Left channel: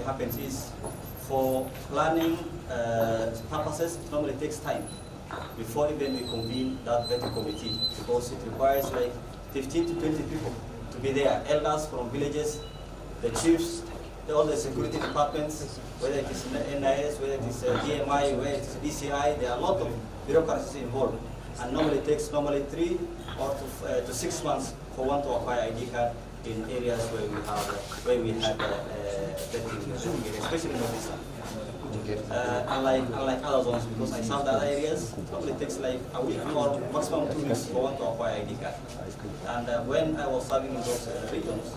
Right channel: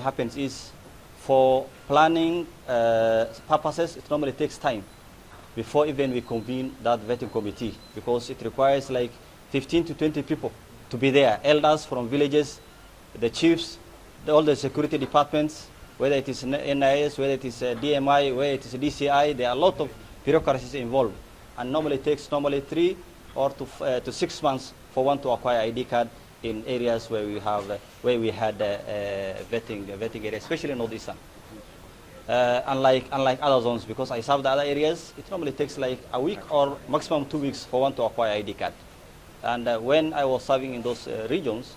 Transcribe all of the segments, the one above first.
normally happens is for planning purposes, it normally takes time before even we convene that vetting committee, because it requires like 15 to 20 people to be there, elders from villages, the chiefs, all the security departments, whether it is NIS, whether it is DMI, whether it is DCI, there are a lot of bureaucracies involved. And normally it takes 3 or to 6 months for one to acquire ID card in areas where we have where we had vetting areas, especially in Northeastern. Unlike other zones, because I serve the other areas, it normally takes like a week or maximum 2 weeks for one to acquire ID card. And when I was serving in those regions,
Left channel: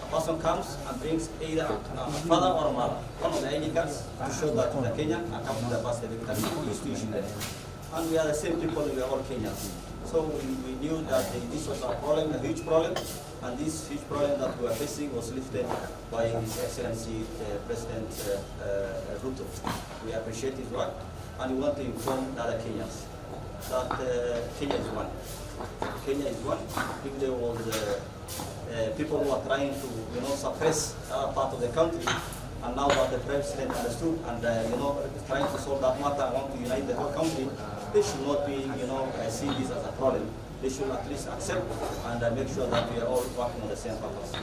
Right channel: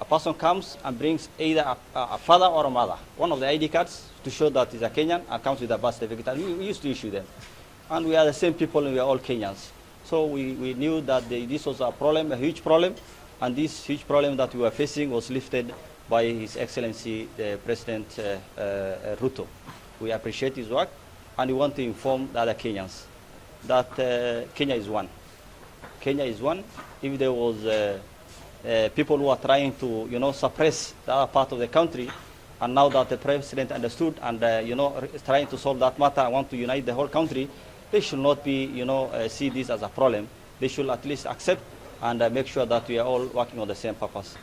a person comes and brings either a father or a mother, one of the ID cards to show that they're Kenyan, and comes with a birth certificate. And we used to issue them. And we are the same people, we are all Kenyans. So we knew that this was a problem, a huge problem, and this huge problem that we were facing was lifted by His Excellency President Ruto. We appreciate his work, and we want to inform the other Kenyans that Kenya is one. Kenya is one. If there was people who are trying to, suppress the other part of the country, and now that the president understood and, is trying to solve that matter and want to unite the whole country, they should not be, see this as a problem. They should at least accept and make sure that we are all working on the same purpose.